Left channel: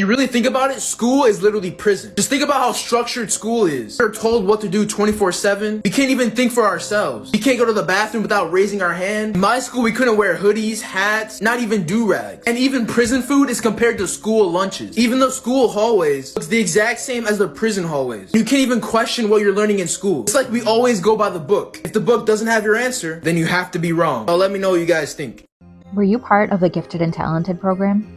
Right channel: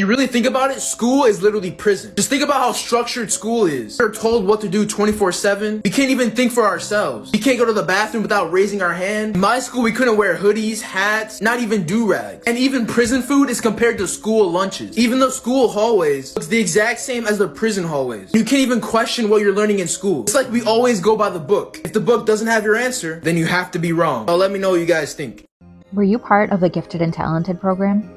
You really think about it, school is literally prison. Just think about how structured school is. We're told what to do 24/7. We can't even think for ourselves. We can't go to the bathroom without raising our hand. In my school, we couldn't wear hoodies, hats, not even do-rags. And even prison food is compared to school lunches. Even though school hallways looks the exact same as the prison hallways. You can't even question what you're learning in school. It's like we always go by the book. If the book doesn't have your answer, then you have to be wrong. So let me know what you guys think. Were you part of the Gifted and Talented program?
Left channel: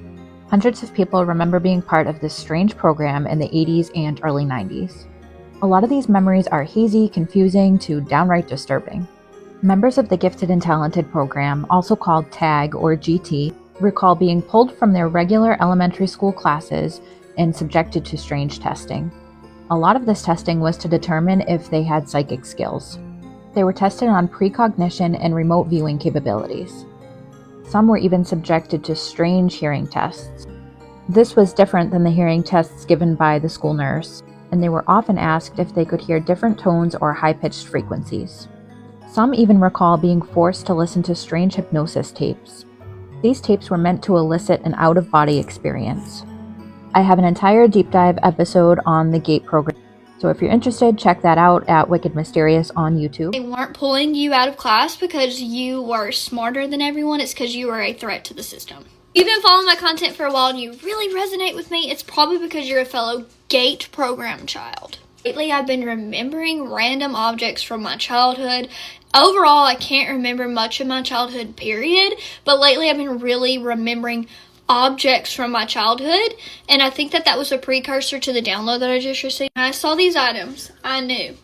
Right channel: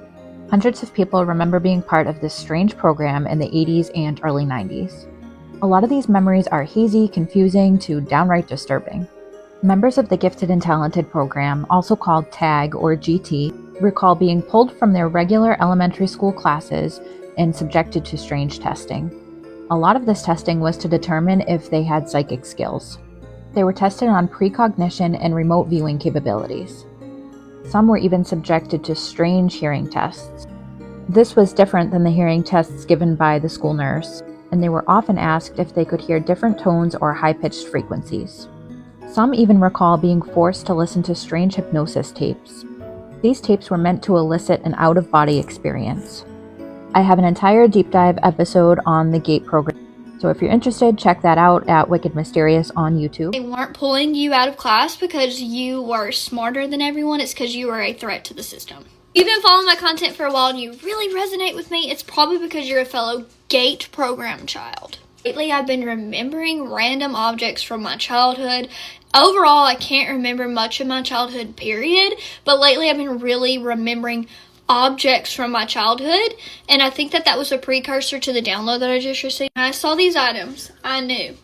Hundreds of people remember being part of this strange program in the 80s and early 90s. A lot of these memories are hazy, confusing, to downright disturbing. Members of the Gifted and Talented program, also called TAG or G.A.T.E, recall being pulled from their regular elementary school classes and subjected to strange testing. A lot of this testing was to determine if they had psychic skills. They were tested on precognition and remote viewing capabilities. Some were even subjected to strange hearing tests. This was different than the hearing tests given by the school nurse, and they were often asked if they could hear different tones or high-pitched frequencies. Some even recall being forced to listen to strange hypnosis tapes. These tapes were meant to elicit an out-of-body experience. I have an entire deep dive episode on the G.A.T.E program, so if you're interested, check that out at Wicked Mysterious on YouTube. They weren't pulling you out of class because you were smarter than everyone. It's because you were a threat to the system. You've been following my content for a while and you really resonate with me. It's probably because you're a fellow G.A.T.E program child. Lately, I've been remembering random objects from my childhood. Overall, I can't remember much of my childhood, period. But lately, I've been really remembering objects from my childhood, and I think that was a precursor to the download that I just received. When I saw these items, I knew,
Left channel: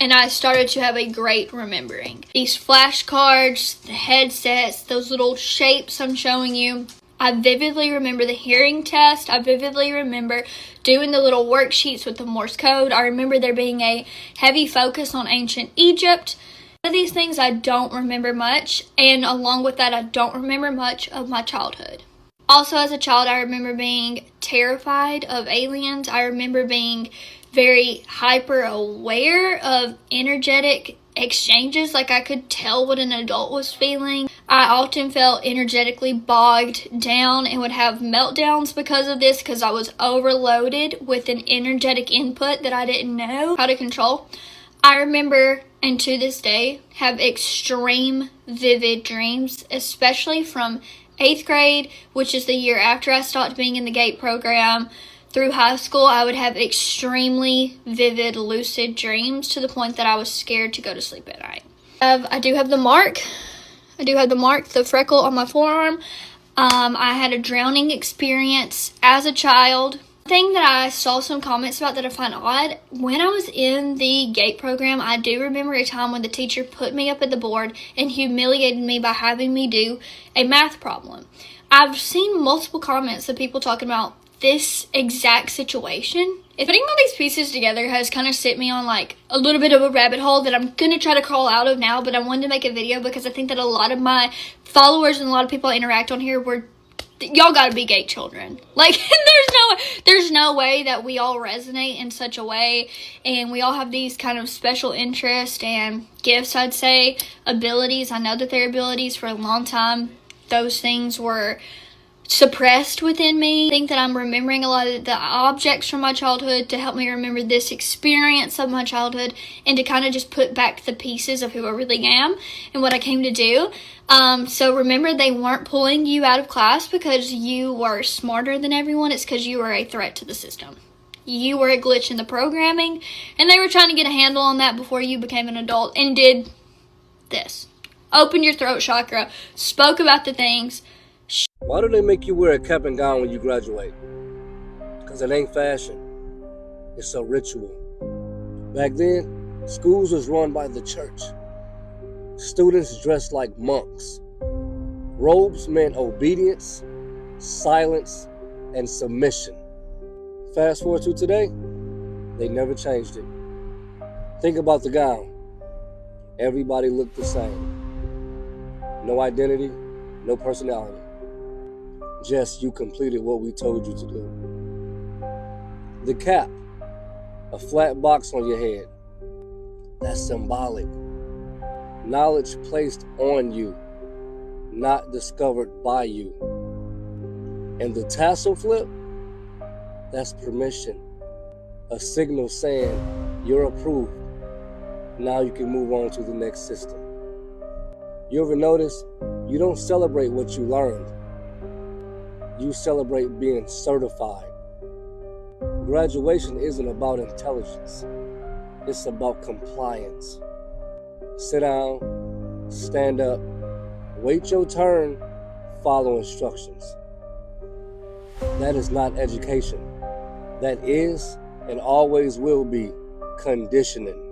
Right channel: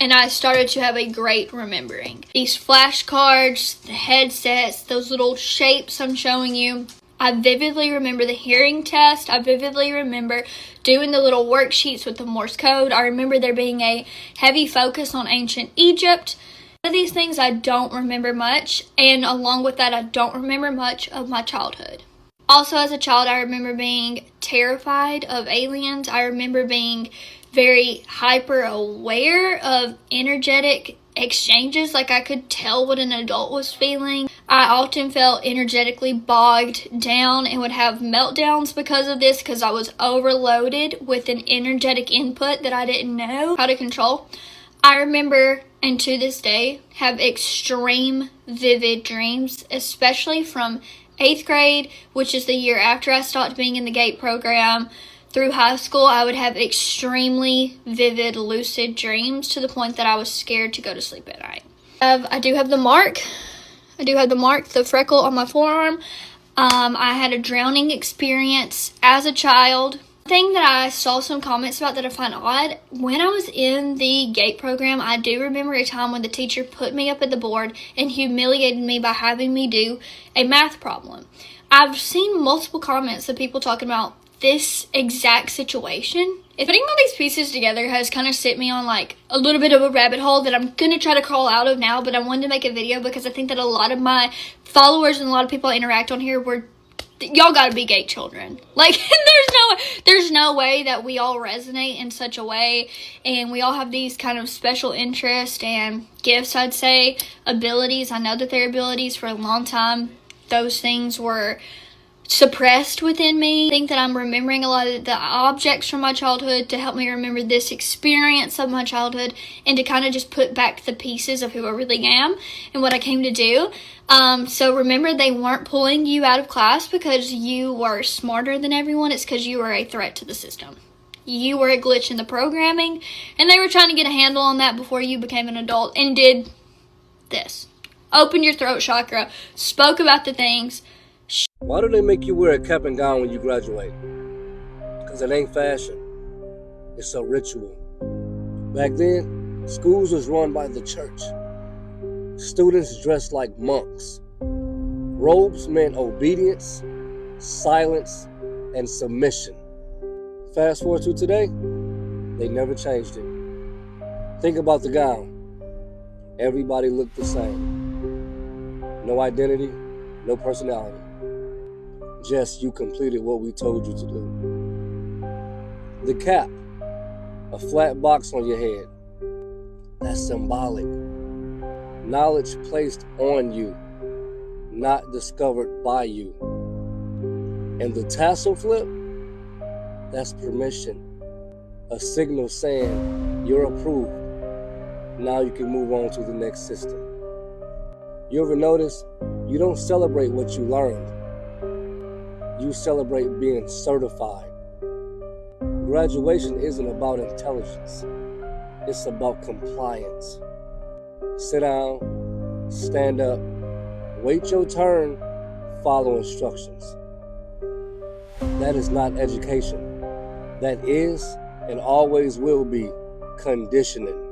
and I started to have a great remembering. These flashcards, the headsets, those little shapes I'm showing you. I vividly remember the hearing test. I vividly remember doing the little worksheets with the Morse code. I remember there being a heavy focus on ancient Egypt. Of these things I don't remember much, and along with that, I don't remember much of my childhood. Also, as a child, I remember being terrified of aliens. I remember being very hyper aware of energetic exchanges, like I could tell what an adult was feeling. I often felt energetically bogged down and would have meltdowns because of this, because I was overloaded with an energetic input that I didn't know how to control. I remember, and to this day, have extreme vivid dreams, especially from 8th grade, which is the year after I stopped being in the G.A.T.E program, through high school. I would have extremely vivid, lucid dreams to the point that I was scared to go to sleep at night. I do have the mark. The freckle on my forearm. I had a drowning experience as a child. Thing that I saw some comments about that I find odd, when I was in the G.A.T.E program, I do remember a time when the teacher put me up at the board and humiliated me by having me do a math problem. I've seen multiple comments of people talking about this exact situation. Putting all these pieces together has kind of set me on like a little bit of a rabbit hole that I'm going to try to crawl out of now, but I wanted to make a video because I think that a lot of my followers and a lot of people I interact on here y'all gotta be G.A.T.E children. Like, there's no way that we all resonate in such a way, and we all have these kind of special interests and gifts, I'd say, abilities. I know that they're abilities. For a long time, those things were suppressed within me. I think that I'm remembering a lot of the objects from my childhood to help me remember this experience of my childhood and to kind of just put back the pieces of who I really am and what I came to do. So remember, they weren't pulling you out of class because you were smarter than everyone. It's because you were a threat to the system. You were a glitch in the programming, and they were trying to get a handle on that before you became an adult and did this. Opened your throat chakra, spoke about the things. Why do they make you wear a cap and gown when you graduate? Because it ain't fashion. It's a ritual. Back then, schools was run by the church. Students dressed like monks. Robes meant obedience, silence, and submission. Fast forward to today, they never changed it. Think about the gown. Everybody looked the same. No identity, no personality. Just you completed what we told you to do. The cap, a flat box on your head. That's symbolic. Knowledge placed on you, not discovered by you. And the tassel flip, That's permission. A signal saying you're approved. Now you can move on to the next system. You ever notice you don't celebrate what you learned? You celebrate being certified. Graduation isn't about intelligence. It's about compliance. Sit down, stand up, wait your turn, follow instructions. That is not education. That is and always will be conditioning.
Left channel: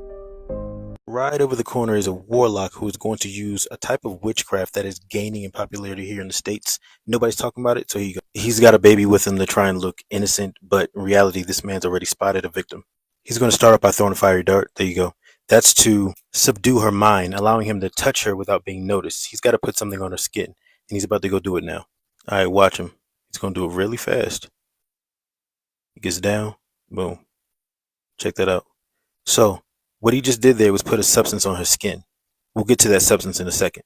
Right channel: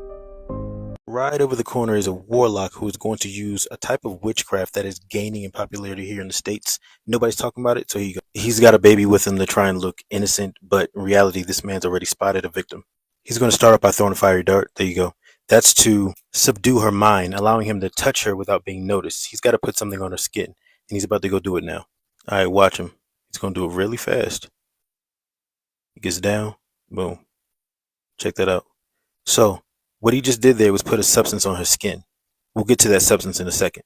Right over the corner is a warlock who is going to use a type of witchcraft that is gaining in popularity here in the States. Nobody's talking about it, so he's got a baby with him to try and look innocent, but in reality, this man's already spotted a victim. He's going to start off by throwing a fiery dart. There you go. That's to subdue her mind, allowing him to touch her without being noticed. He's got to put something on her skin, and he's about to go do it now. All right, watch him. He's going to do it really fast. He gets down. Boom. Check that out. So, what he just did there was put a substance on her skin. We'll get to that substance in a second.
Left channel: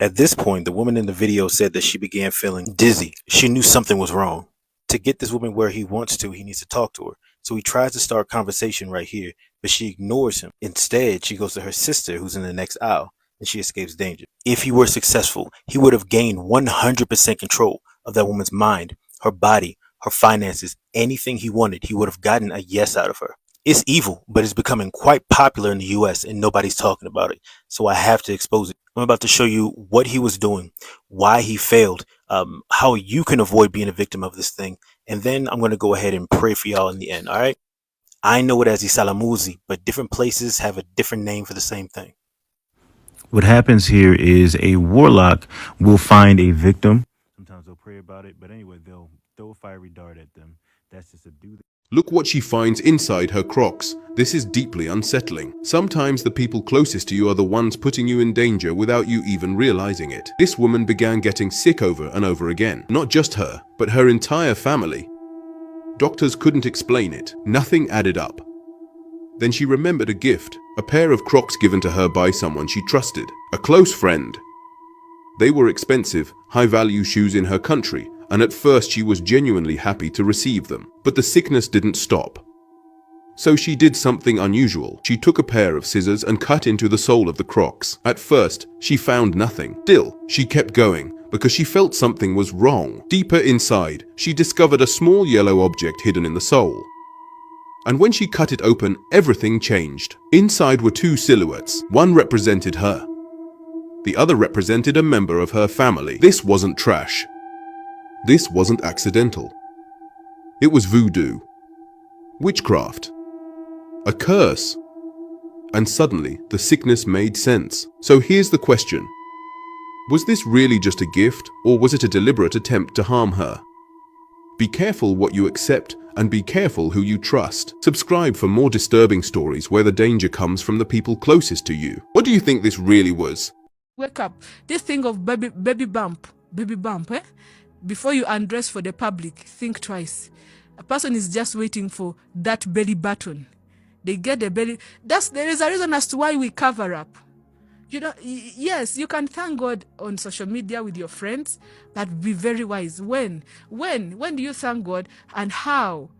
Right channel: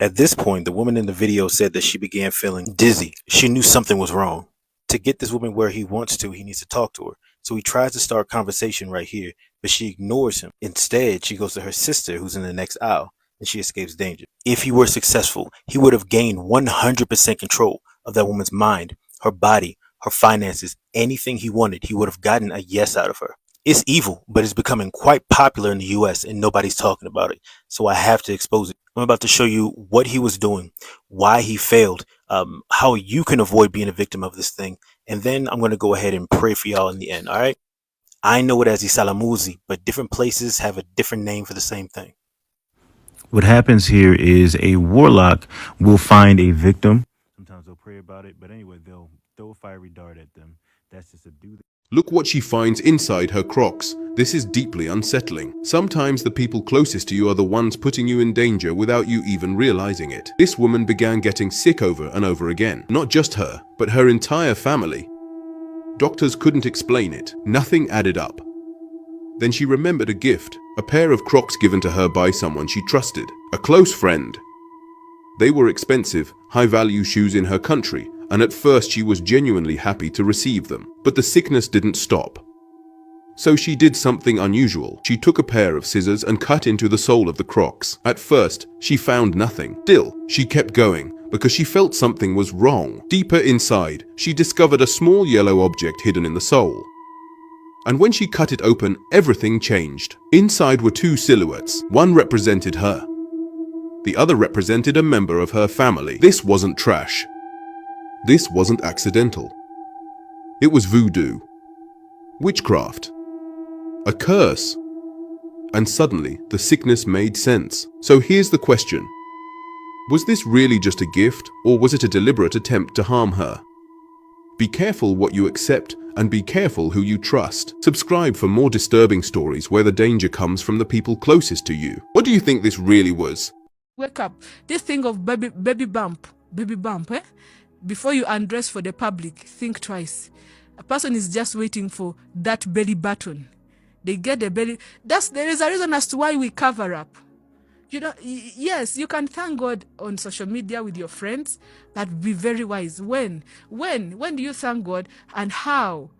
At this point, the woman in the video said that she began feeling dizzy. She knew something was wrong. To get this woman where he wants to, he needs to talk to her. So he tries to start a conversation right here, but she ignores him. Instead, she goes to her sister, who's in the next aisle, and she escapes danger. If he were successful, he would have gained 100% control of that woman's mind, her body, her finances, anything he wanted. He would have gotten a yes out of her. It's evil, but it's becoming quite popular in the US and nobody's talking about it. So I have to expose it. I'm about to show you what he was doing, why he failed, how you can avoid being a victim of this thing. And then I'm going to go ahead and pray for y'all in the end. All right. I know it as Isalamuzi, but different places have a different name for the same thing. What happens here is a warlock will find a victim. Sometimes they'll pray about it, but anyway, they'll throw a fiery dart at them. That's to subdue them. Look what she finds inside her Crocs. This is deeply unsettling. Sometimes the people closest to you are the ones putting you in danger without you even realizing it. This woman began getting sick over and over again. Not just her, but her entire family. Doctors couldn't explain it. Nothing added up. Then she remembered a gift, a pair of Crocs given to her by someone she trusted, a close friend. They were expensive, high-value shoes in her country, and at first she was genuinely happy to receive them. But the sickness didn't stop. So she did something unusual. She took a pair of scissors and cut into the sole of the Crocs. At first, she found nothing. Still, she kept going because she felt something was wrong. Deeper inside, she discovered a small yellow object hidden in the sole. And when she cut it open, everything changed. Inside were two silhouettes. One represented her. The other represented a member of her family. This wasn't trash. This wasn't accidental. It was voodoo. Witchcraft. A curse. And suddenly, the sickness made sense. So here's the question. Was this really just a gift, or was it a deliberate attempt to harm her? Be careful what you accept, and be careful who you trust. Subscribe for more disturbing stories where the danger comes from the people closest to you. What do you think this really was? Wake up. This thing of baby bump, eh? Before you undress for the public, think twice. A person is just waiting for that belly button. They get the belly. There is a reason as to why we cover up. You know, yes, you can thank God on social media with your friends, but be very wise. When do you thank God and how?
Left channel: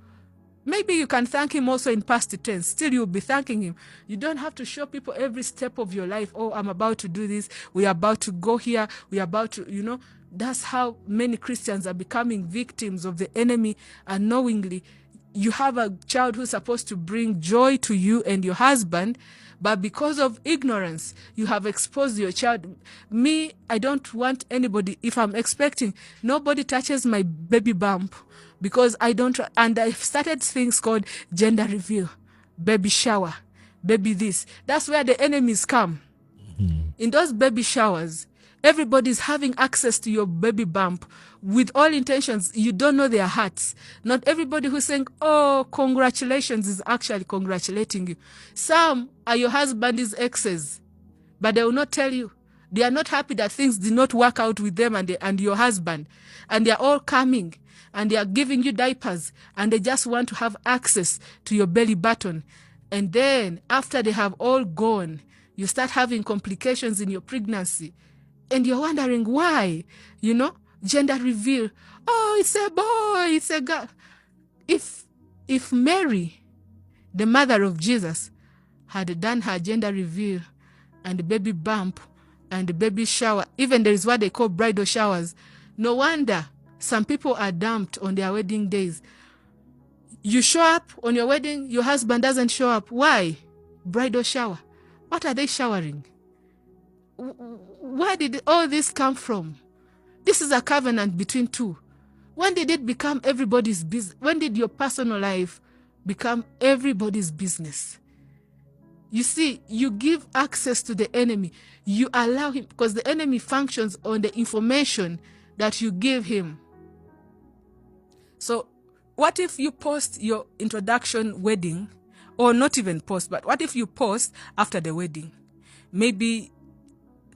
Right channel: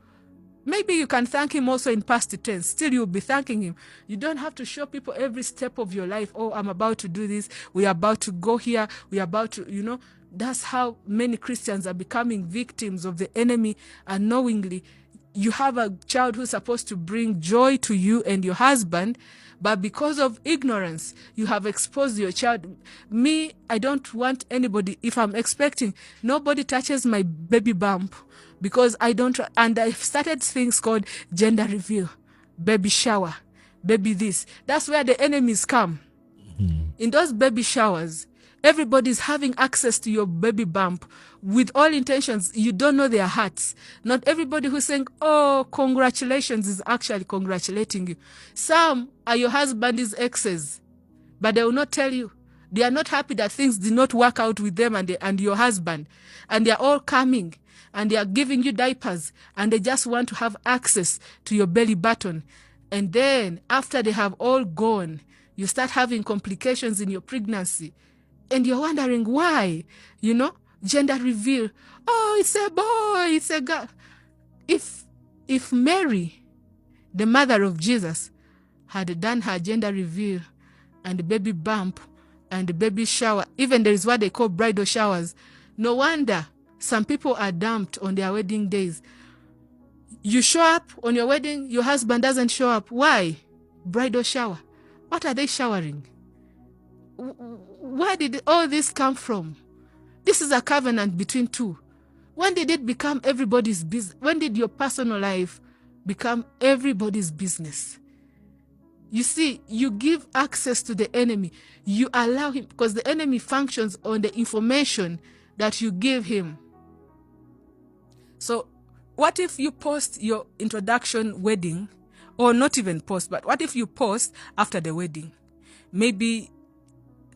Maybe you can thank him also in past tense. Still, you'll be thanking him. You don't have to show people every step of your life. Oh, I'm about to do this. We're about to go here. We're about to, you know. That's how many Christians are becoming victims of the enemy unknowingly. You have a child who's supposed to bring joy to you and your husband, but because of ignorance, you have exposed your child. Me, I don't want anybody, if I'm expecting, nobody touches my baby bump because I don't, and I've started things called gender reveal, baby shower, baby this. That's where the enemies come. In those baby showers, everybody's having access to your baby bump with all intentions. You don't know their hearts. Not everybody who's saying, oh, congratulations, is actually congratulating you. Some are your husband's exes, but they will not tell you. They are not happy that things did not work out with them and your husband. And they are all coming and they are giving you diapers and they just want to have access to your belly button. And then after they have all gone, you start having complications in your pregnancy. And you're wondering why, you know, gender reveal. Oh, it's a boy, it's a girl. If if Mary, the mother of Jesus, had done her gender reveal and baby bump and baby shower, even there is what they call bridal showers, no wonder some people are dumped on their wedding days. You show up on your wedding, your husband doesn't show up. Why? Bridal shower. What are they showering? Where did all this come from? This is a covenant between two. When did it become everybody's business? When did your personal life become everybody's business? You see, you give access to the enemy. You allow him, because the enemy functions on the information that you give him. So what if you post your introduction wedding, or not even post, but what if you post after the wedding? Maybe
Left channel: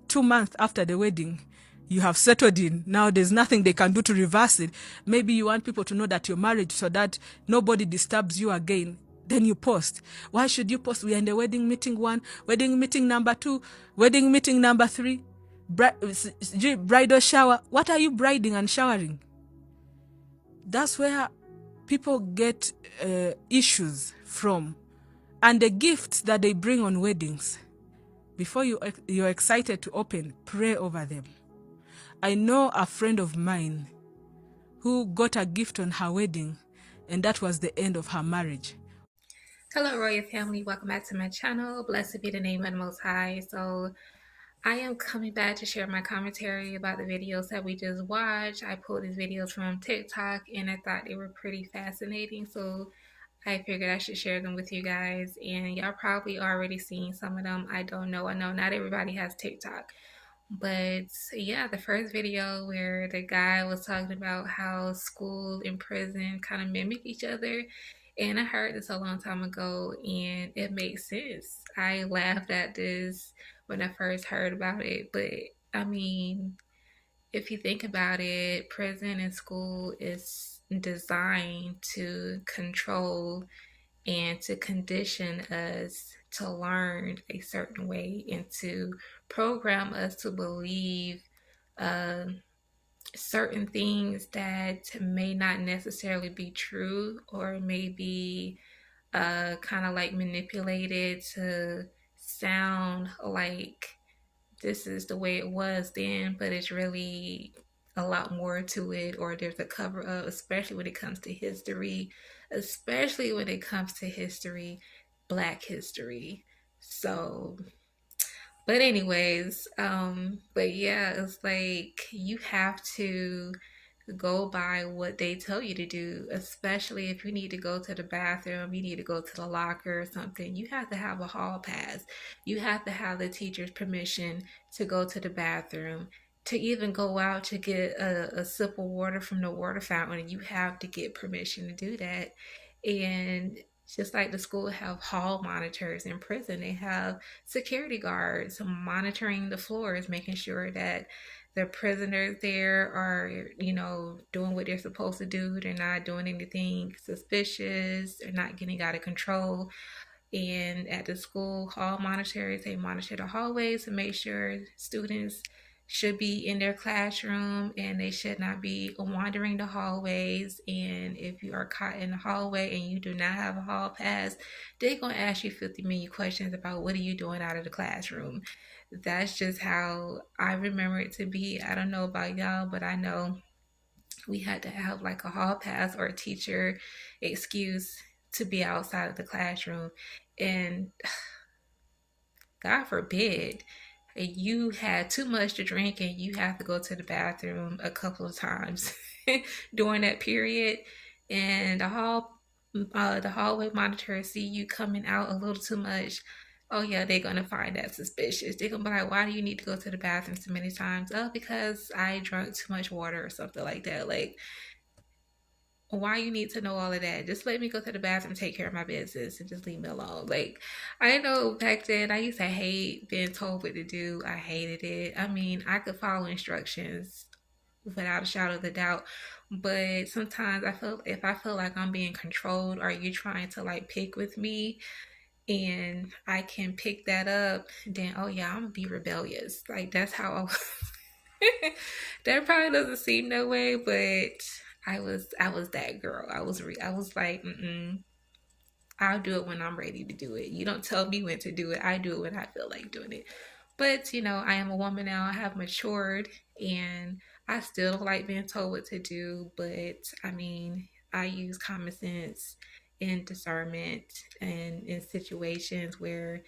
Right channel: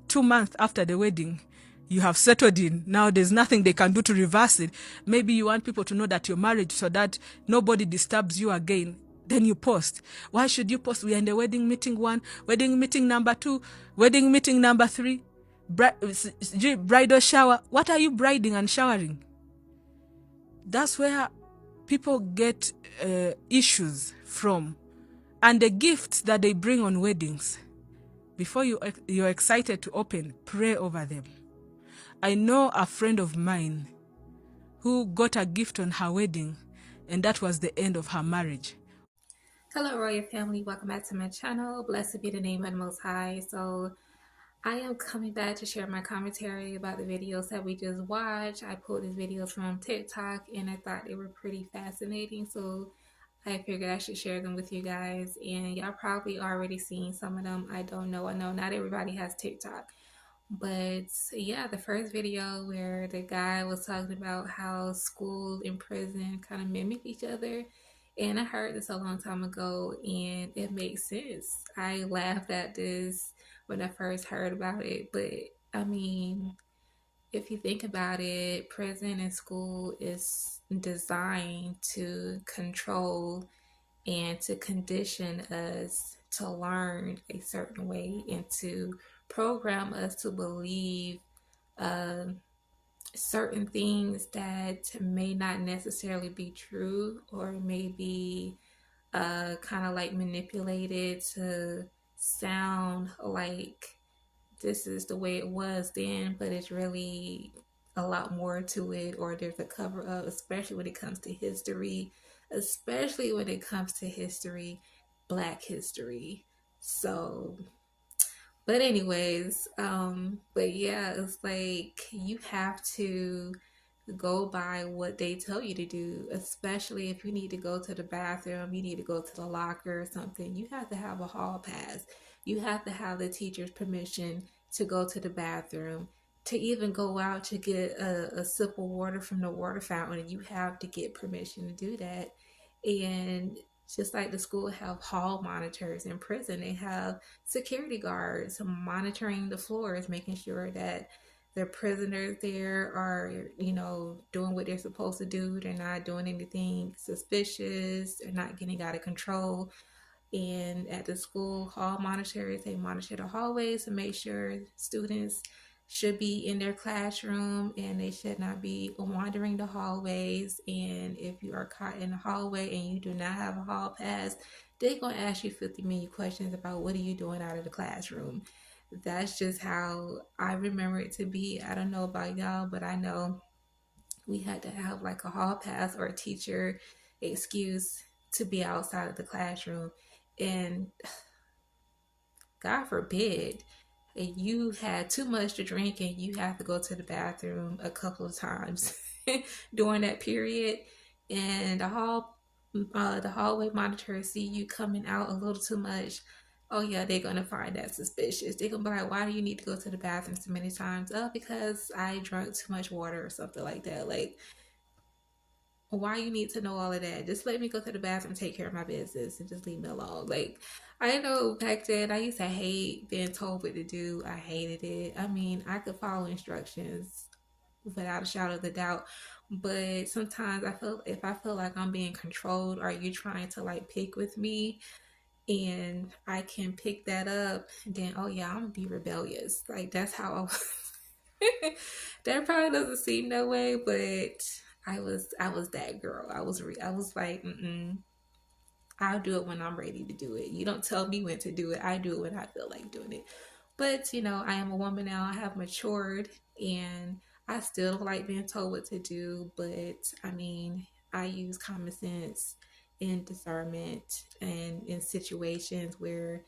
2 months after the wedding, you have settled in. Now there's nothing they can do to reverse it. Maybe you want people to know that you're married so that nobody disturbs you again. Then you post. Why should you post? We are in the wedding meeting 1, wedding meeting number 2, wedding meeting number 3, bridal shower. What are you briding and showering? That's where people get issues from. And the gifts that they bring on weddings, before you're excited to open, pray over them. I know a friend of mine who got a gift on her wedding, and that was the end of her marriage. Hello, Royal family. Welcome back to my channel. Blessed be the name of the Most High. So I am coming back to share my commentary about the videos that we just watched. I pulled these videos from TikTok and I thought they were pretty fascinating. So I figured I should share them with you guys. And y'all probably already seen some of them. I don't know. I know not everybody has TikTok. But yeah, the first video where the guy was talking about how school and prison kind of mimic each other. And I heard this a long time ago and it makes sense. I laughed at this when I first heard about it. But I mean, if you think about it, prison and school is designed to control and to condition us to learn a certain way and to program us to believe certain things that may not necessarily be true or may be kind of like manipulated to sound like this is the way it was then, but it's really a lot more to it, or there's a cover up, especially when it comes to history, Black history. So but anyways, but yeah, it's like you have to go by what they tell you to do, especially if you need to go to the bathroom, you need to go to the locker or something. You have to have a hall pass. You have to have the teacher's permission to go to the bathroom. To even go out to get a sip of water from the water fountain, you have to get permission to do that. And just like the school have hall monitors, in prison they have security guards monitoring the floors, making sure that the prisoners there are, you know, doing what they're supposed to do. They're not doing anything suspicious. They're not getting out of control. And at the school hall monitors, they monitor the hallways to make sure students should be in their classroom and they should not be wandering the hallways. And if you are caught in the hallway and you do not have a hall pass, they're going to ask you 50 million questions about what are you doing out of the classroom. That's just how I remember it to be. I don't know about y'all, but I know we had to have like a hall pass or a teacher excuse to be outside of the classroom. And God forbid you had too much to drink and you have to go to the bathroom a couple of times during that period, and the hallway monitors see you coming out a little too much. Oh yeah, they're gonna find that suspicious. They're gonna be like, why do you need to go to the bathroom so many times? Oh, because I drank too much water or something like that. Like, why you need to know all of that? Just let me go to the bathroom, take care of my business, and just leave me alone. Like, I know back then I used to hate being told what to do. I hated it. I mean, I could follow instructions without a shadow of a doubt, but sometimes if I feel like I'm being controlled, or you trying to like pick with me, and I can pick that up, then oh yeah, I'm gonna be rebellious. Like, that's how that probably doesn't seem that way, but I was that girl. I was like, I'll do it when I'm ready to do it. You don't tell me when to do it. I do it when I feel like doing it. But I am a woman now. I have matured, and I still like being told what to do. But I mean, I use common sense and discernment, and in situations where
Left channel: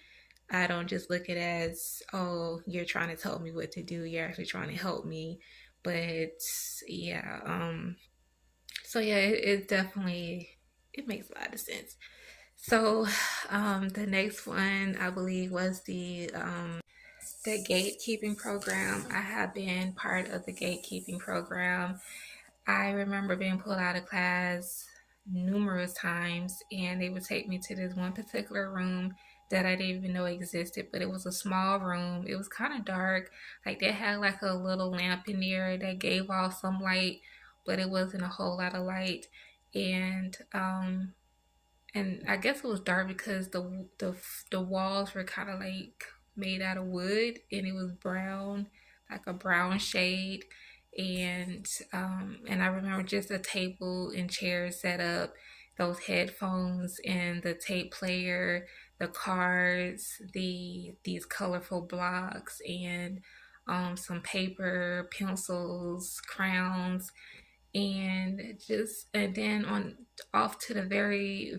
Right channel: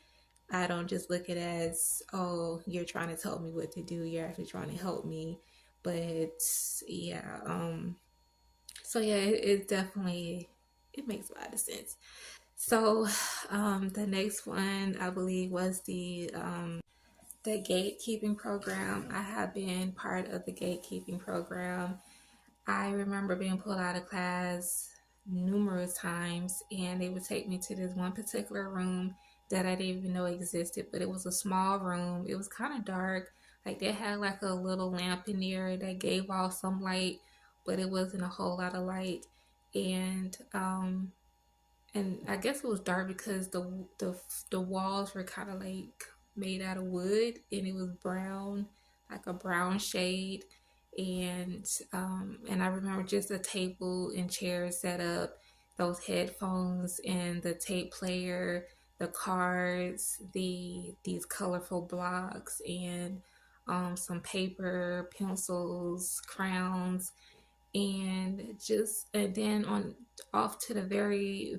I don't just look at it as, oh, you're trying to tell me what to do. You're actually trying to help me. But yeah, so yeah, it definitely it makes a lot of sense. So, the next one I believe was the gatekeeping program. I have been part of the gatekeeping program. I remember being pulled out of class numerous times, and they would take me to this one particular room that I didn't even know existed, but it was a small room. It was kind of dark. Like they had like a little lamp in there that gave off some light, but it wasn't a whole lot of light. And and I guess it was dark because the the walls were kind of like made out of wood, and it was brown, like a brown shade. And I remember just a table and chairs set up, those headphones and the tape player, the cards, these colorful blocks, and some paper, pencils, crowns, and then on off to the very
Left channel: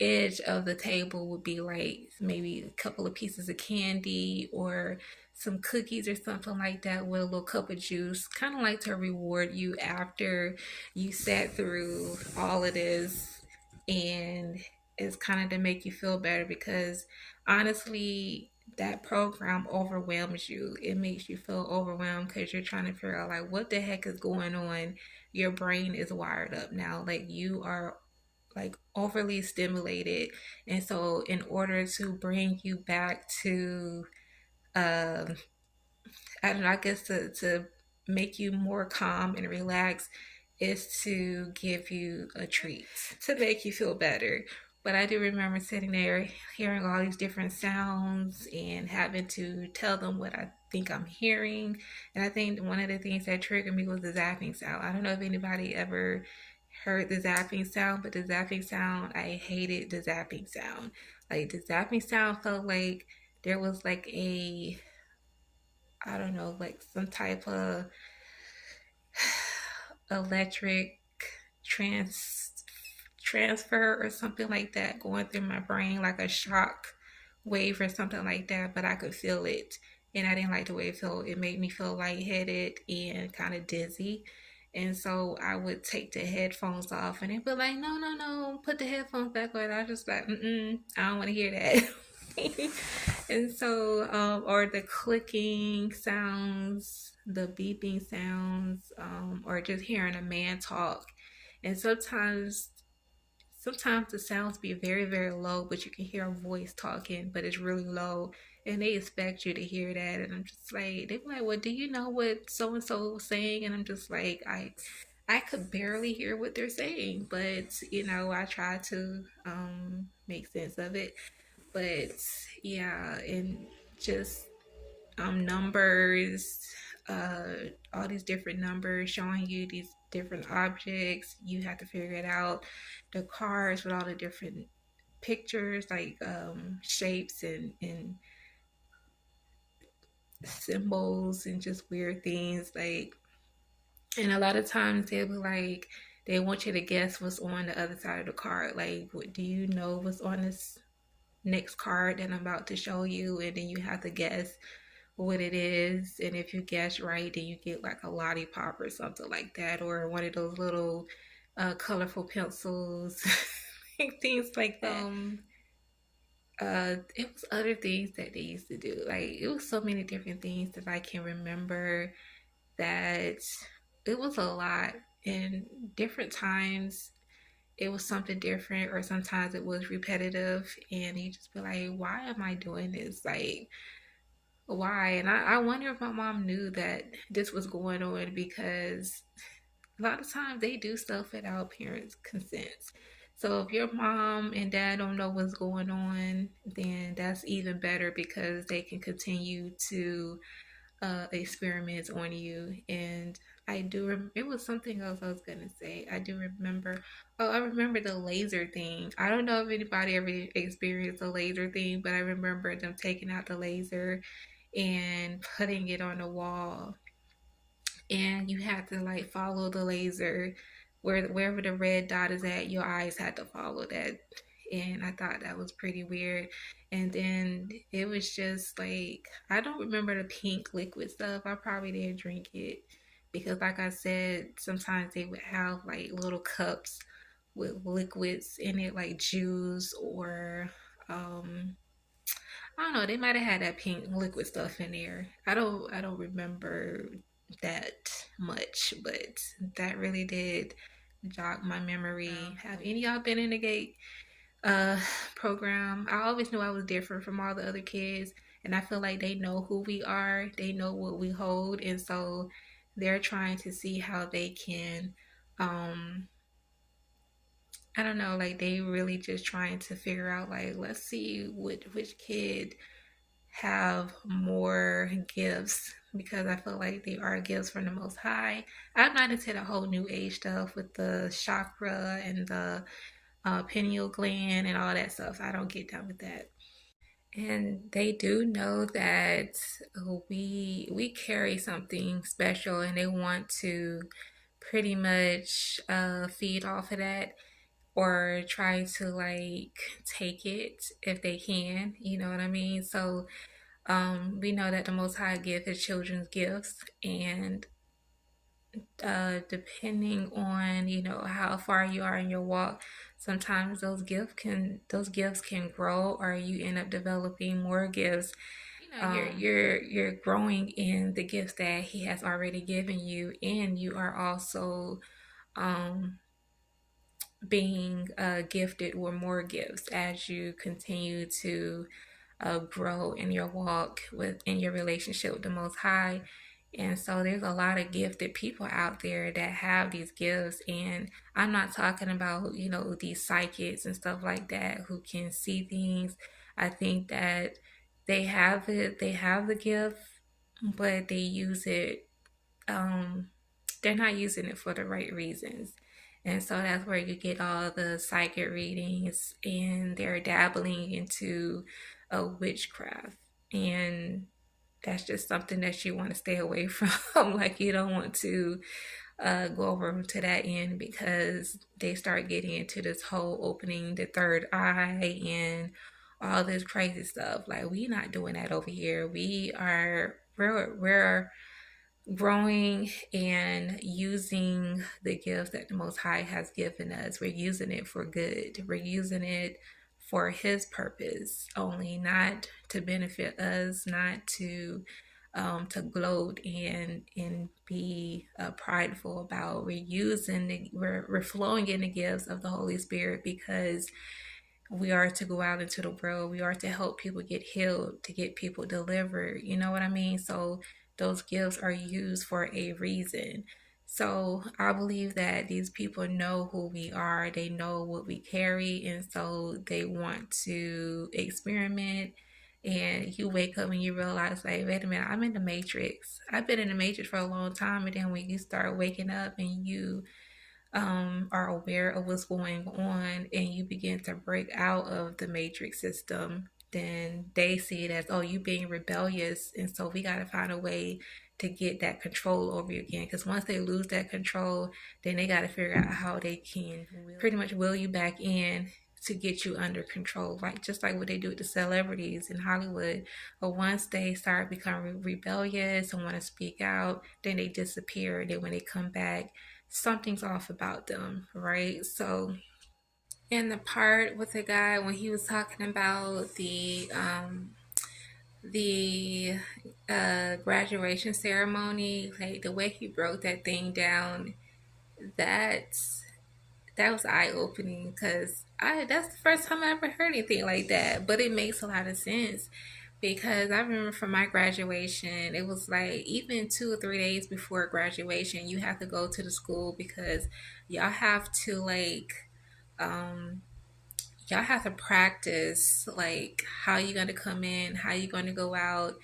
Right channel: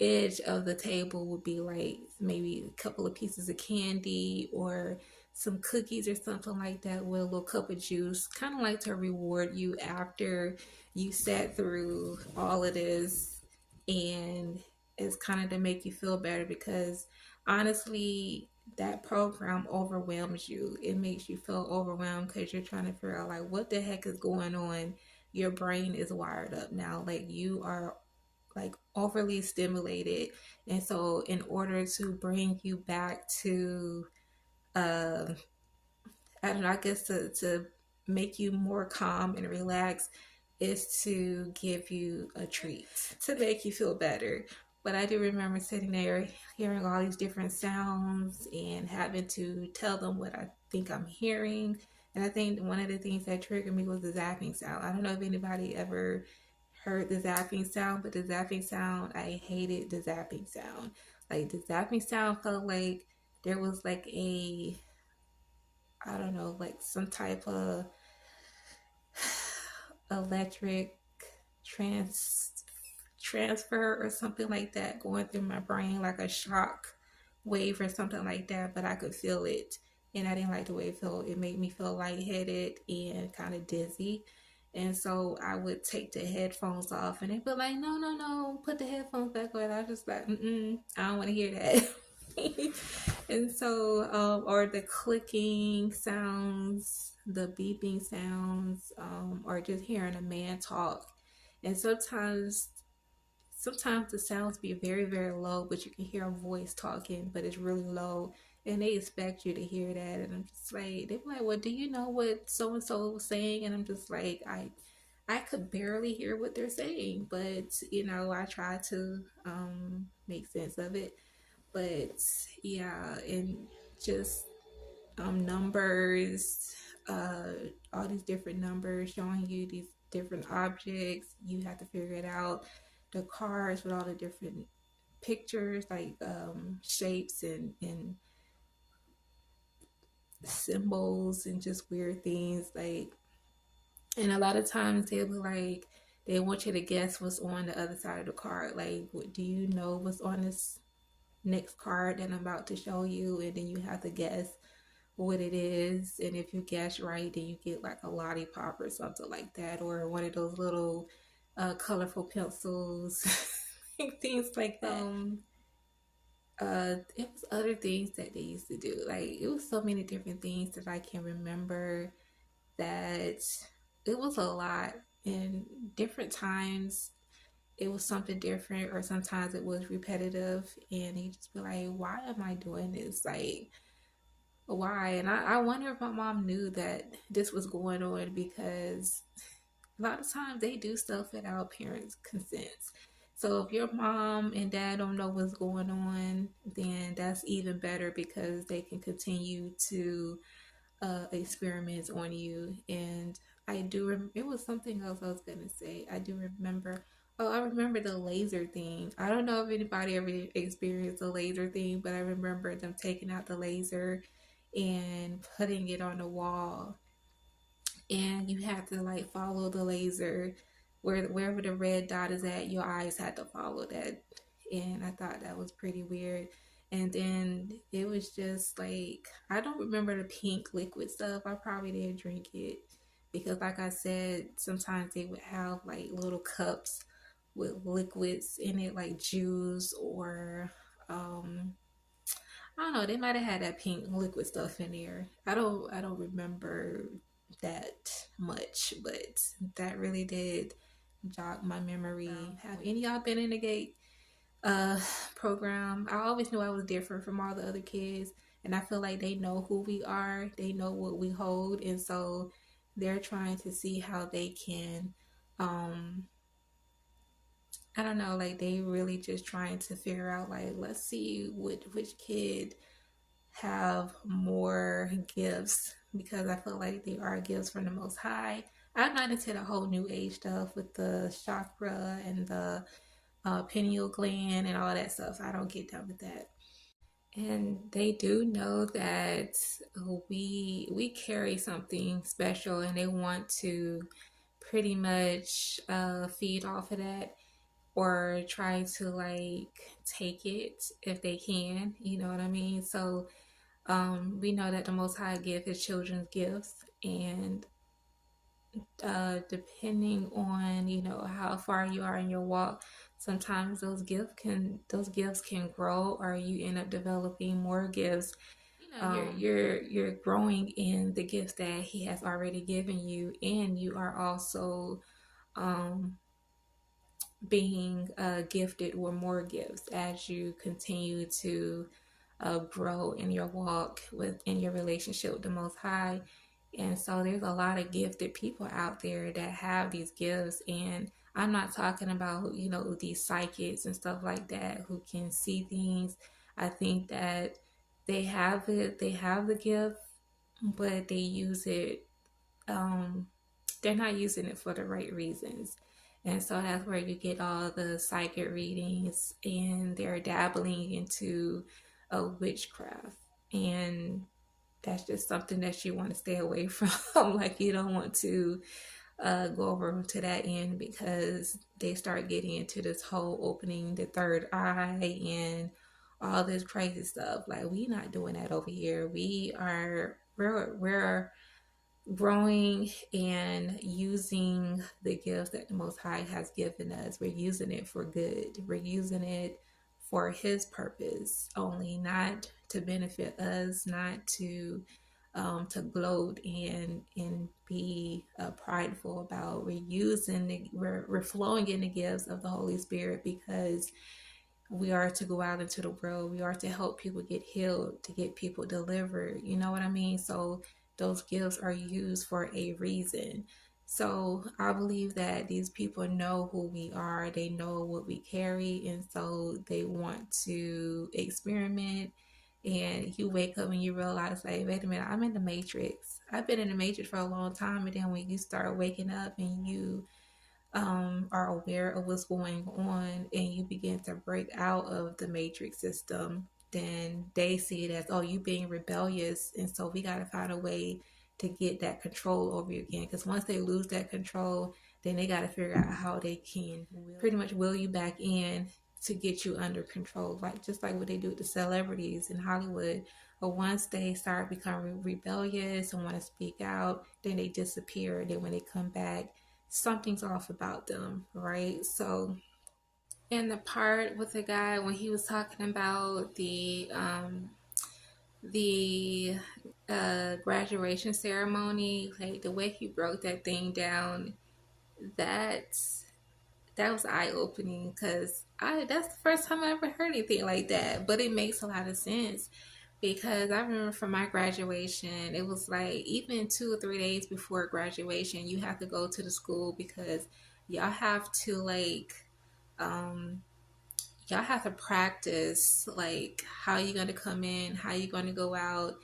edge of the table would be like maybe a couple of pieces of candy or some cookies or something like that with a little cup of juice, kind of like to reward you after you sat through all of this. And it's kind of to make you feel better, because honestly, that program overwhelms you. It makes you feel overwhelmed because you're trying to figure out like what the heck is going on. Your brain is wired up now, like you are like overly stimulated. And so in order to bring you back to um I don't know, I guess to make you more calm and relaxed is to give you a treat to make you feel better. But I do remember sitting there hearing all these different sounds and having to tell them what I think I'm hearing. And I think one of the things that triggered me was the zapping sound. I don't know if anybody ever heard the zapping sound, but the zapping sound, I hated the zapping sound. Like the zapping sound felt like there was like a, I don't know, like some type of electric trans transfer or something like that going through my brain, like a shock wave or something like that. But I could feel it, and I didn't like the way it felt. It made me feel lightheaded and kind of dizzy. And so I would take the headphones off, and they'd be like, "No, no, no, put the headphones back on." I was just like, I don't want to hear that. And so, or the clicking sounds, the beeping sounds, or just hearing a man talk. And sometimes the sounds be very, very low, but you can hear a voice talking, but it's really low. And they expect you to hear that. And I'm just like, they're like, well, do you know what so and so was saying? And I'm just like, I could barely hear what they're saying, but I try to make sense of it. But yeah, and just numbers, all these different numbers showing you these different objects. You have to figure it out. The cards with all the different pictures, like shapes and symbols and just weird things. Like, and a lot of times they'll be like, they want you to guess what's on the other side of the card. Like, what do you know what's on this next card that I'm about to show you? And then you have to guess what it is, and if you guess right, then you get like a lollipop or something like that, or one of those little colorful pencils, things like that. It was other things that they used to do. Like it was so many different things that I can remember, that it was a lot. And different times it was something different, or sometimes it was repetitive, and you just be like, why am I doing this? Like, why? And I wonder if my mom knew that this was going on, because a lot of times they do stuff without parents' consent. So if your mom and dad don't know what's going on, then that's even better, because they can continue to experiments on you. And It was something else I was gonna say. I do remember. Oh, I remember the laser thing. I don't know if anybody ever experienced a laser thing, but I remember them taking out the laser and putting it on the wall, and you had to like follow the laser wherever the red dot is at. Your eyes had to follow that, and I thought that was pretty weird. And then it was just like, I don't remember the pink liquid stuff. I probably didn't drink it because, like I said, sometimes they would have like little cups with liquids in it, like juice or um I don't know. They might have had that pink liquid stuff in there. I don't remember that much, but that really did jog my memory. Have any of y'all been in the Gate uh program? I always knew I was different from all the other kids, and I feel like they know who we are. They know what we hold, and so they're trying to see how they can um I don't know, like they really just trying to figure out like, let's see which kid have more gifts, because I feel like they are gifts from the Most High. I'm not into the whole New Age stuff with the chakra and the pineal gland and all that stuff. I don't get down with that. And they do know that we carry something special, and they want to pretty much feed off of that, or try to like take it if they can. You know what I mean? So we know that the Most High gives His children's gifts, and depending on how far you are in your walk, sometimes those gifts can grow, or you end up developing more gifts. You're growing in the gifts that He has already given you, and you are also um, being gifted with more gifts as you continue to grow in your walk in your relationship with the Most High. And so there's a lot of gifted people out there that have these gifts. And I'm not talking about, these psychics and stuff like that who can see things. I think that they have the gift, but they use it, they're not using it for the right reasons. And so that's where you get all the psychic readings, and they're dabbling into a witchcraft. And that's just something that you want to stay away from. Like, you don't want to go over to that end, because they start getting into this whole opening the third eye and all this crazy stuff. Like, we not doing that over here. We're growing and using the gifts that the Most High has given us. We're using it for good. We're using it for His purpose only, not to benefit us, not to gloat and be prideful about. We're flowing in the gifts of the Holy Spirit, because we are to go out into the world. We are to help people get healed, to get people delivered. You know what I mean? So those gifts are used for a reason. So I believe that these people know who we are, they know what we carry, and so they want to experiment. And you wake up and you realize, like, wait a minute, I'm in the matrix. I've been in the matrix for a long time. And then when you start waking up and you are aware of what's going on, and you begin to break out of the matrix system, then they see it as, oh, you being rebellious. And so we got to find a way to get that control over you again. Because once they lose that control, then they got to figure out how they can pretty much will you back in to get you under control, like just like what they do with the celebrities in Hollywood. But once they start becoming rebellious and want to speak out, then they disappear. And then when they come back, something's off about them, right? So in the part with the guy when he was talking about the graduation ceremony, like the way he broke that thing down, that's that was eye opening, because I that's the first time I ever heard anything like that. But it makes a lot of sense, because I remember from my graduation, it was like even 2 or 3 days before graduation, you have to go to the school, because y'all have to like um y'all have to practice like how you're gonna come in, how you're gonna go out,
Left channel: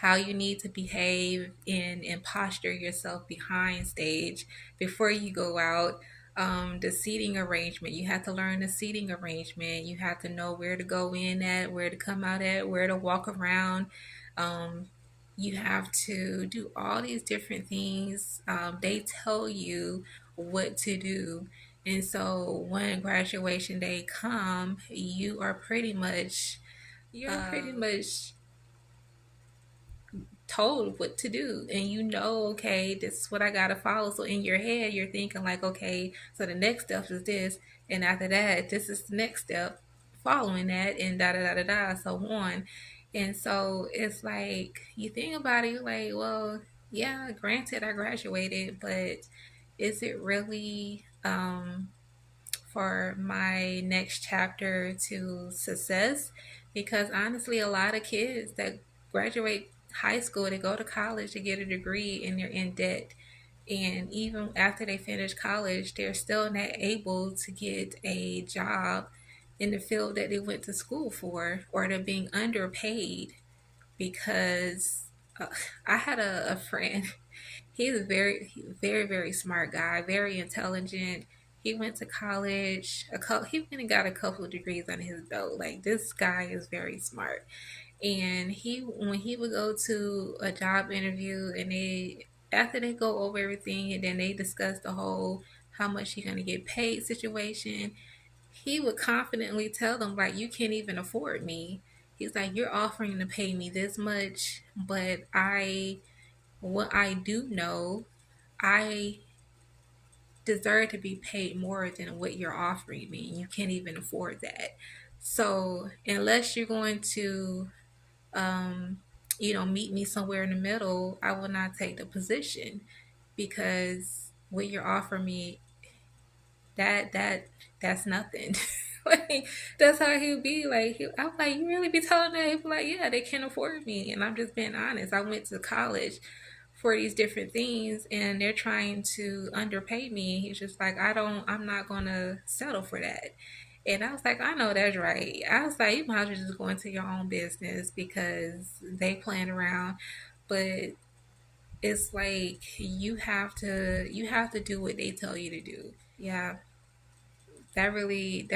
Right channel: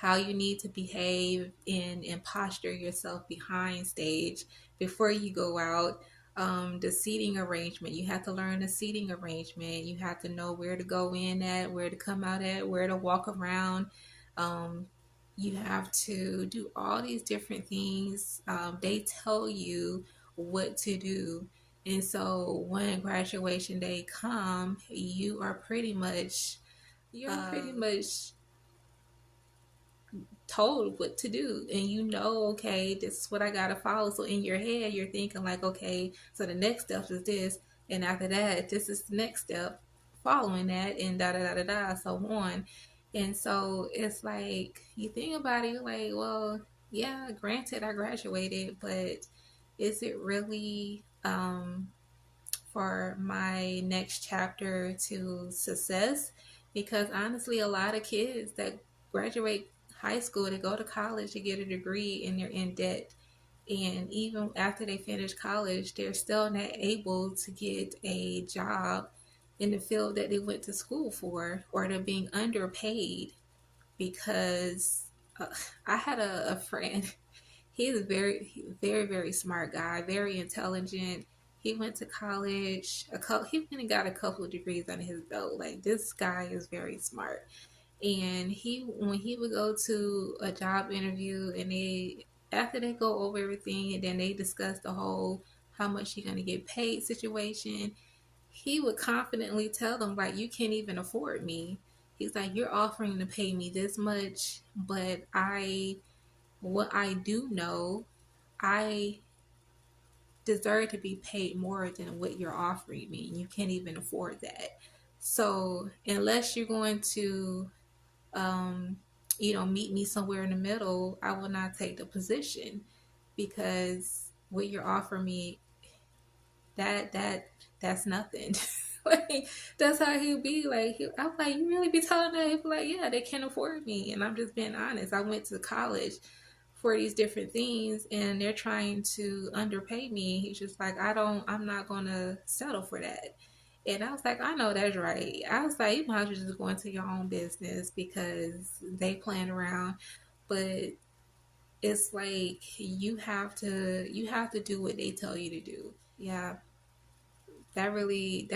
how you need to behave and posture yourself behind stage before you go out. The seating arrangement, you have to learn the seating arrangement. You have to know where to go in at, where to come out at, where to walk around. Um, you have to do all these different things. They tell you what to do. And so when graduation day come, you're pretty much told what to do, and you know, okay, this is what I gotta follow. So in your head you're thinking like, okay, so the next step is this, and after that this is the next step following that, and da da da da da, so on. And so it's like you think about it, like, well, yeah, granted I graduated, but is it really for my next chapter to success? Because honestly, a lot of kids that graduate high school, they go to college to get a degree, and they're in debt. And even after they finish college, they're still not able to get a job in the field that they went to school for, or they're being underpaid because uh, I had a friend. He's a very, very smart guy, very intelligent. He went to college. He went and got a couple of degrees under his belt. Like, this guy is very smart. And when he would go to a job interview, and after they go over everything, and then they discuss the whole how much you're gonna get paid situation, he would confidently tell them, like, you can't even afford me. He's like, you're offering to pay me this much, but what I do know, I deserve to be paid more than what you're offering me. You can't even afford that. So unless you're going to, um, meet me somewhere in the middle, I will not take the position, because what you're offering me, that's nothing. Like, that's how he'll be. Like, I'm like, you really be telling that? He'll be like, yeah, they can't afford me, and I'm just being honest. I went to college for these different things, and they're trying to underpay me. He's just like, I'm not gonna settle for that. And I was like, I know that's right. I was like, you might as well just go into your own business, because they playing around. But it's like you have to do what they tell you to do. Yeah, that really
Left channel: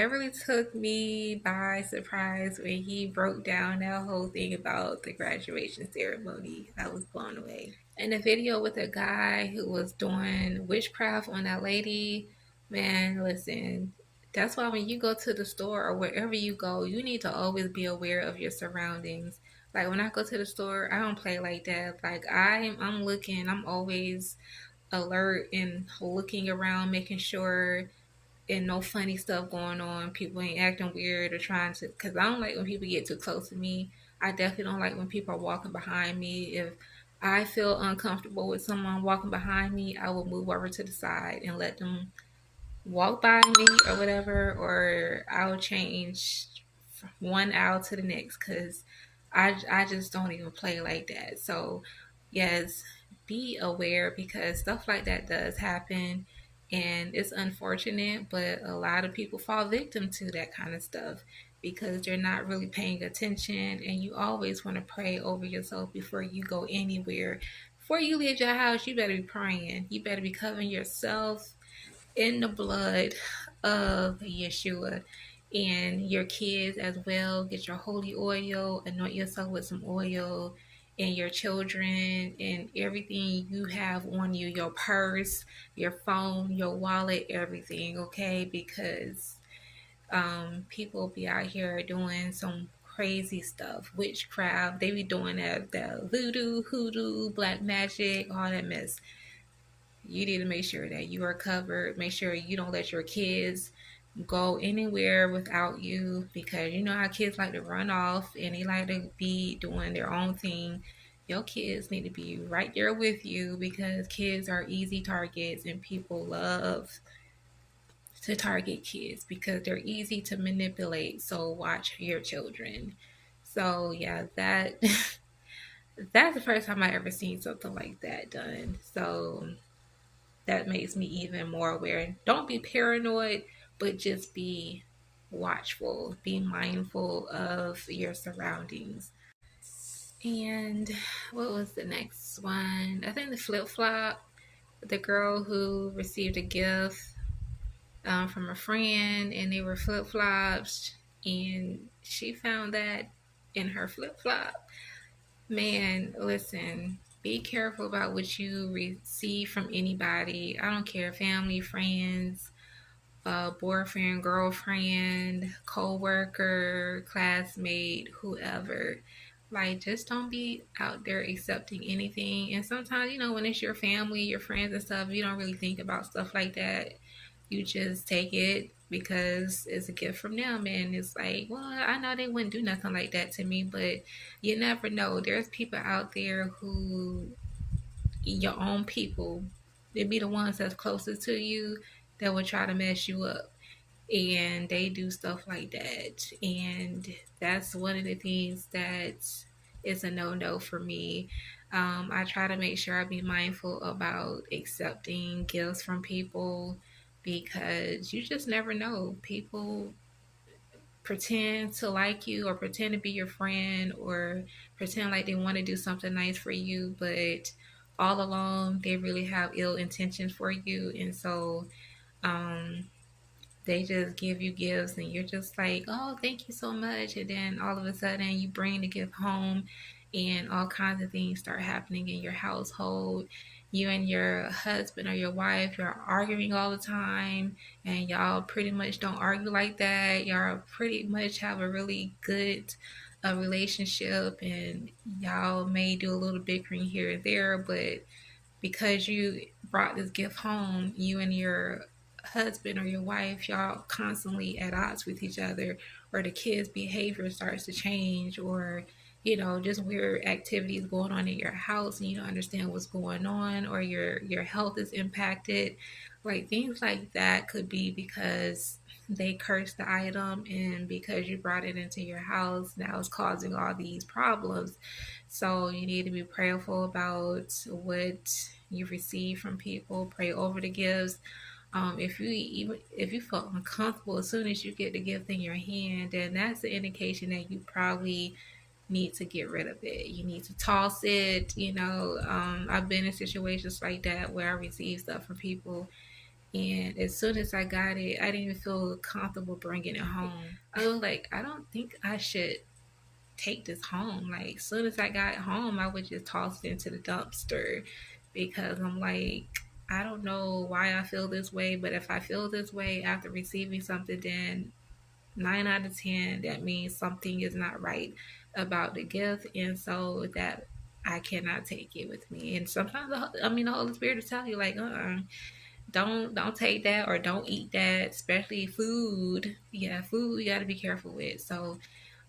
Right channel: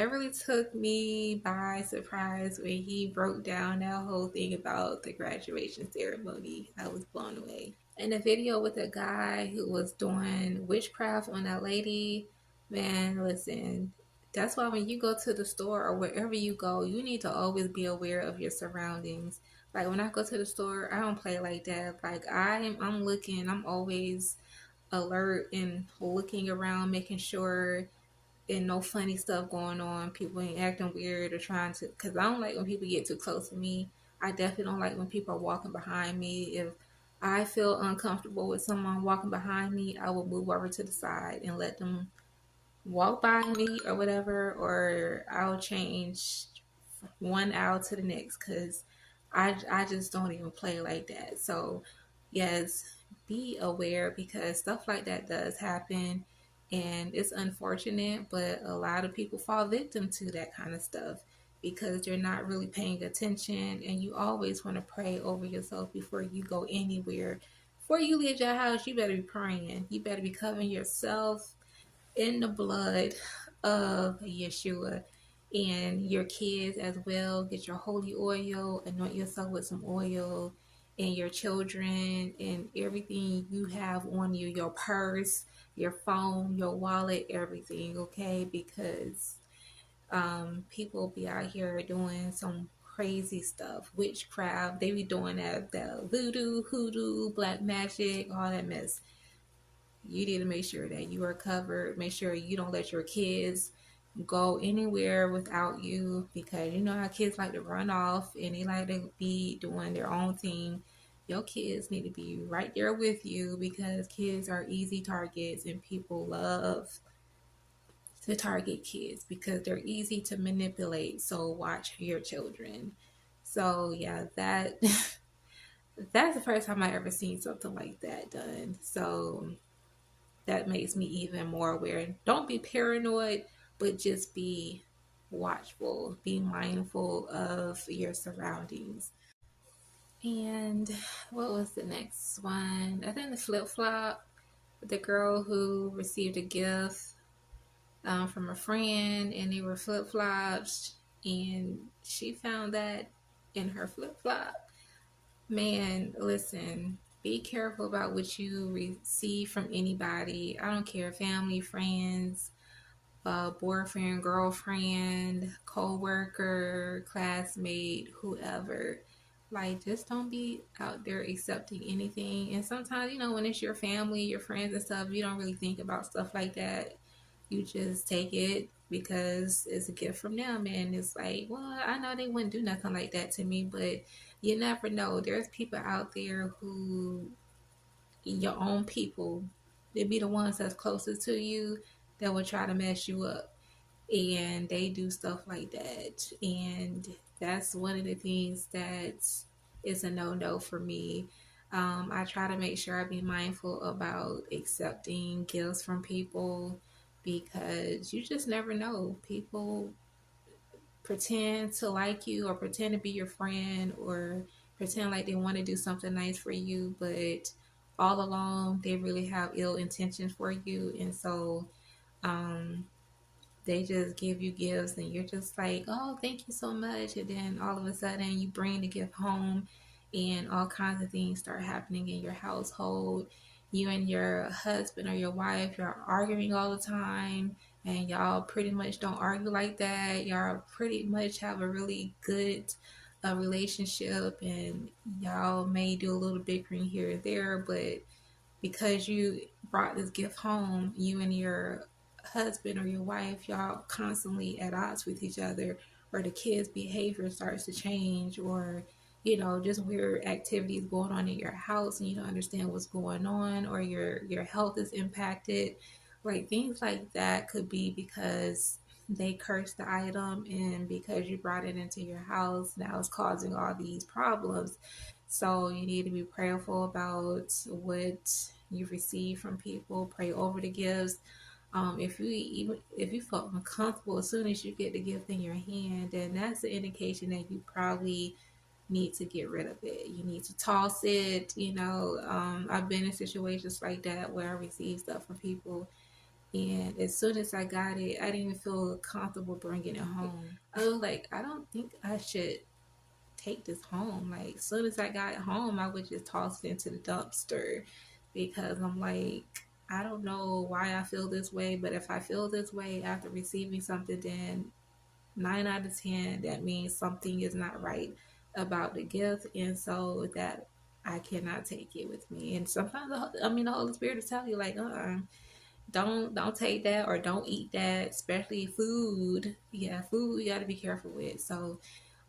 took me by surprise when he broke down that whole thing about the graduation ceremony. I was blown away. And the video with the guy who was doing witchcraft on that lady, man, listen, that's why when you go to the store or wherever you go, you need to always be aware of your surroundings. Like, when I go to the store, I don't play like that. Like, I'm looking, I'm always alert and looking around, making sure and no funny stuff going on. People ain't acting weird or trying to, because I don't like when people get too close to me. I definitely don't like when people are walking behind me. If I feel uncomfortable with someone walking behind me, I will move over to the side and let them walk by me or whatever, or I'll change one aisle to the next, because I just don't even play like that. So yes, be aware, because stuff like that does happen, and it's unfortunate, but a lot of people fall victim to that kind of stuff because they're not really paying attention. And you always want to pray over yourself before you go anywhere. Before you leave your house, you better be praying. You better be covering yourself in the blood of Yeshua, and your kids as well. Get your holy oil, anoint yourself with some oil, and your children, and everything you have on you, your purse, your phone, your wallet, everything, okay? Because people be out here doing some crazy stuff, witchcraft. They be doing that voodoo, hoodoo, black magic, all that mess. You need to make sure that you are covered. Make sure you don't let your kids go anywhere without you, because you know how kids like to run off and they like to be doing their own thing. Your kids need to be right there with you, because kids are easy targets, and people love to target kids because they're easy to manipulate. So watch your children. So yeah, that's the first time I ever seen something like that done. So that makes me even more aware. Don't be paranoid, but just be watchful, be mindful of your surroundings. And what was the next one? I think the flip flop. The girl who received a gift from a friend, and they were flip flops, and she found that in her flip flop. Man, listen, be careful about what you receive from anybody. I don't care, family, friends, boyfriend, girlfriend, co-worker, classmate, whoever. Like, just don't be out there accepting anything. And sometimes, when it's your family, your friends and stuff, you don't really think about stuff like that. You just take it because it's a gift from them. And it's like, well, I know they wouldn't do nothing like that to me, but you never know. There's people out there who, your own people, they be the ones that's closest to you that will try to mess you up, and they do stuff like that. And that's one of the things that is a no-no for me. I try to make sure I be mindful about accepting gifts from people, because you just never know. People pretend to like you, or pretend to be your friend, or pretend like they want to do something nice for you, but all along they really have ill intentions for you. And so um, they just give you gifts, and you're just like, oh, thank you so much. And then all of a sudden you bring the gift home, and all kinds of things start happening in your household. You and your husband or your wife, you're arguing all the time, and y'all pretty much don't argue like that. Y'all pretty much have a really good relationship, and y'all may do a little bickering here and there, but because you brought this gift home, you and your husband or your wife, y'all constantly at odds with each other, or the kids' behavior starts to change, or just weird activities going on in your house, and you don't understand what's going on, or your health is impacted. Like, things like that could be because they cursed the item, and because you brought it into your house, now it's causing all these problems. So you need to be prayerful about what you receive from people. Pray over the gifts. If you feel uncomfortable as soon as you get the gift in your hand, then that's an indication that you probably need to get rid of it. You need to toss it. I've been in situations like that where I receive stuff from people, and as soon as I got it, I didn't even feel comfortable bringing it home. I was like, I don't think I should take this home. Like, as soon as I got home, I would just toss it into the dumpster, because I'm like, I don't know why I feel this way, but if I feel this way after receiving something, then 9 out of 10, that means something is not right about the gift, and so that I cannot take it with me. And sometimes, the Holy Spirit will tell you, like, don't take that, or don't eat that, especially food. Yeah, food you got to be careful with. So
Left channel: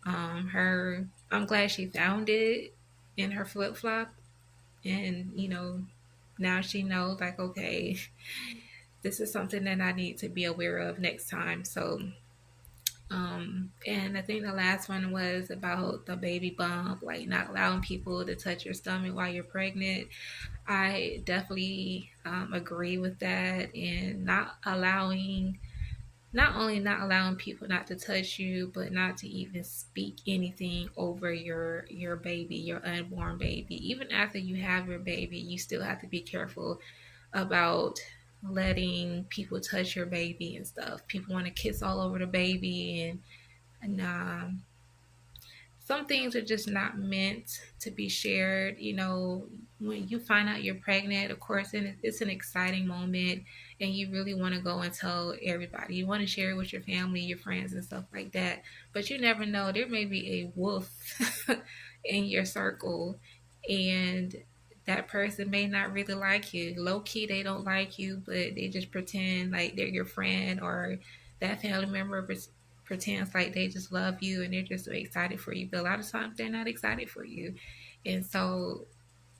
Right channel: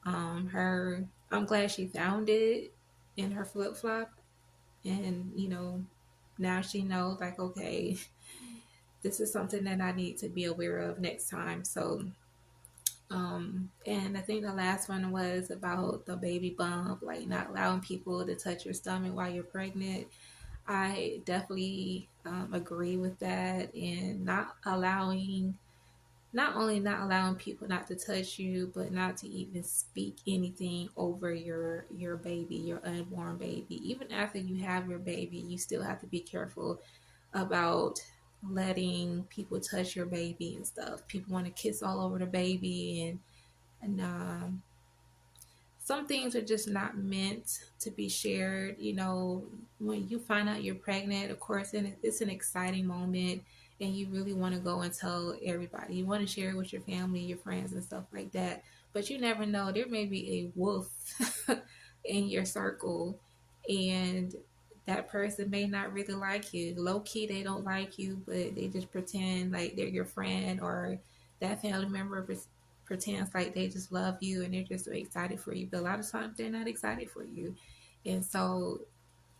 I'm glad she found it in her flip flop, and now she knows, like, okay, this is something that I need to be aware of next time. So and I think the last one was about the baby bump, like not allowing people to touch your stomach while you're pregnant. I definitely agree with that, and not only not allowing people not to touch you, but not to even speak anything over your baby, your unborn baby. Even after you have your baby, you still have to be careful about letting people touch your baby and stuff. People want to kiss all over the baby, and some things are just not meant to be shared. When you find out you're pregnant, of course, it's an exciting moment, and you really want to go and tell everybody. You want to share it with your family, your friends, and stuff like that. But you never know. There may be a wolf in your circle, and that person may not really like you. Low key, they don't like you, but they just pretend like they're your friend, or that family member pretends like they just love you, and they're just so excited for you. But a lot of times they're not excited for you. And so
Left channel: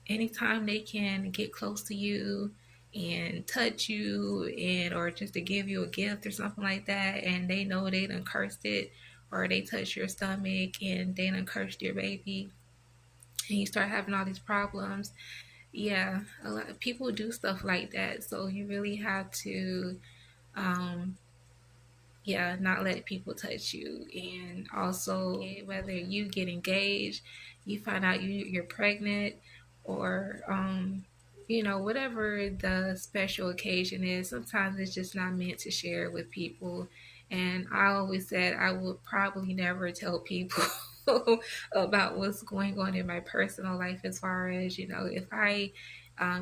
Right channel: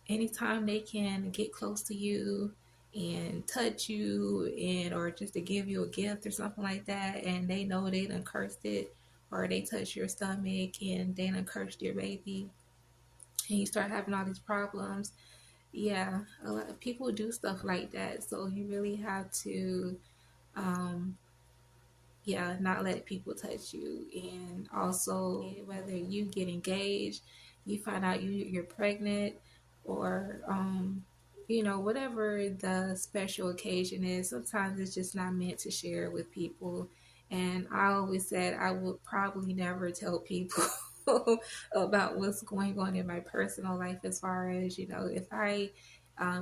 anytime they can get close to you and touch you, and or just to give you a gift or something like that, and they know they done cursed it, or they touch your stomach and they done cursed your baby, and you start having all these problems. Yeah, a lot of people do stuff like that. So you really have to um, not let people touch you. And also, whether you get engaged, you find out you're pregnant, or whatever the special occasion is, sometimes it's just not meant to share with people. And I always said I would probably never tell people about what's going on in my personal life, as far as, if I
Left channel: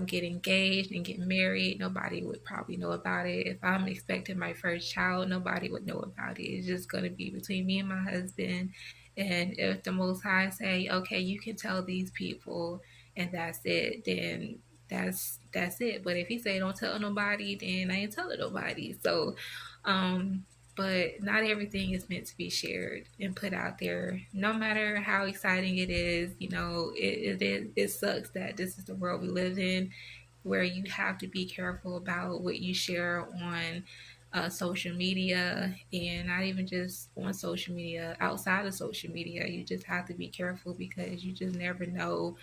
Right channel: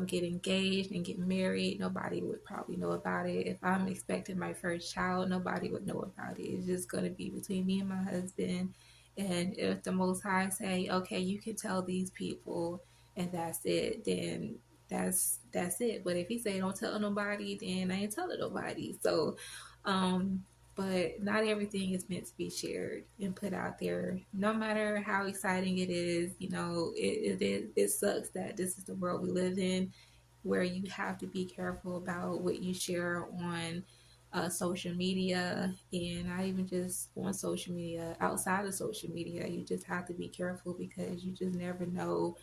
get engaged and get married, nobody would probably know about it. If I'm expecting my first child, nobody would know about it. It's just going to be between me and my husband. And if the Most High say, okay, you can tell these people, and that's it, then that's it. But if he say don't tell nobody, then I ain't telling nobody. So, but not everything is meant to be shared and put out there. No matter how exciting it is, it sucks that this is the world we live in, where you have to be careful about what you share on social media, and not even just on social media, outside of social media. You just have to be careful, because you just never know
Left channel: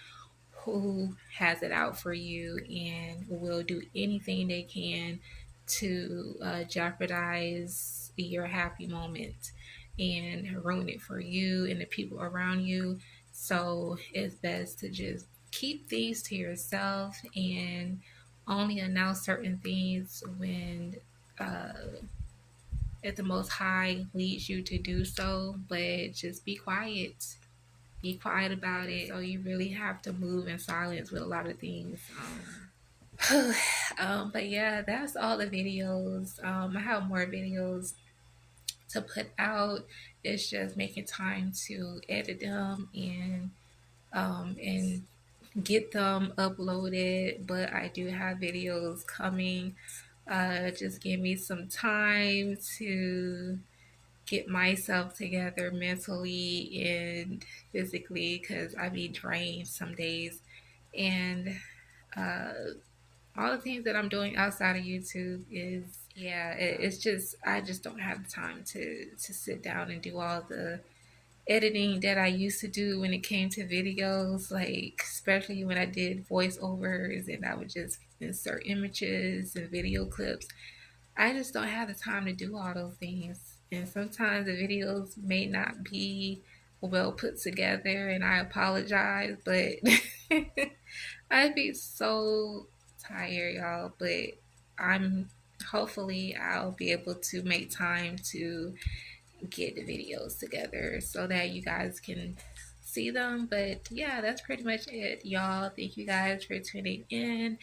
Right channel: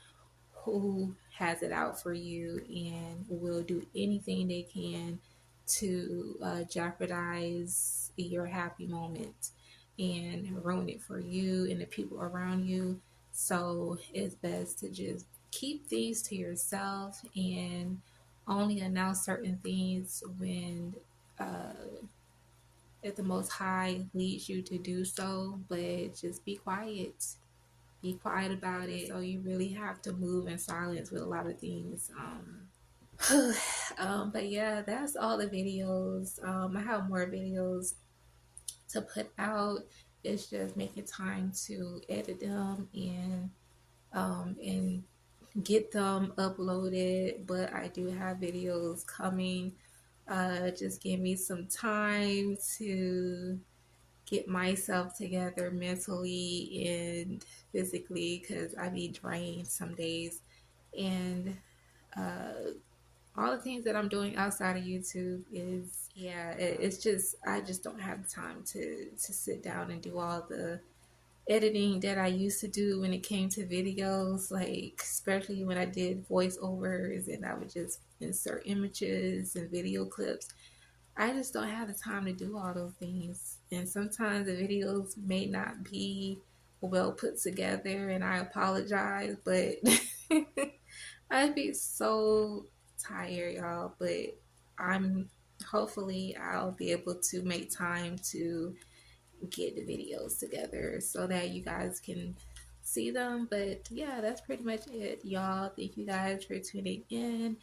who has it out for you and will do anything they can to jeopardize your happy moment and ruin it for you and the people around you. So it's best to just keep things to yourself and only announce certain things when if the Most High leads you to do so. But just be quiet. Be quiet about it. So you really have to move in silence with a lot of things. But yeah, that's all the videos. I have more videos to put out. It's just making time to edit them and get them uploaded. But I do have videos coming. Just give me some time to get myself together mentally and physically, because I be drained some days. And all the things that I'm doing outside of YouTube is, it's just, I just don't have the time to sit down and do all the editing that I used to do when it came to videos, like especially when I did voiceovers and I would just insert images and video clips. I just don't have the time to do all those things. And sometimes the videos may not be well put together, and I apologize, but I'd be so tired, y'all. But I'm hopefully I'll be able to make time to get the videos together so that you guys can see them. But yeah, that's pretty much it, y'all. Thank you guys for tuning in.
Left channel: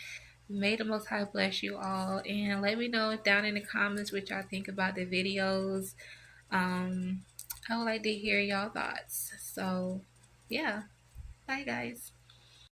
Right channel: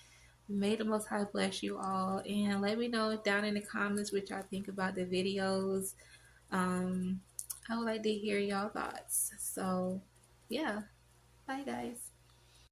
May the Most High bless you all, and let me know down in the comments what y'all think about the videos. I would like to hear y'all thoughts. So yeah, bye guys.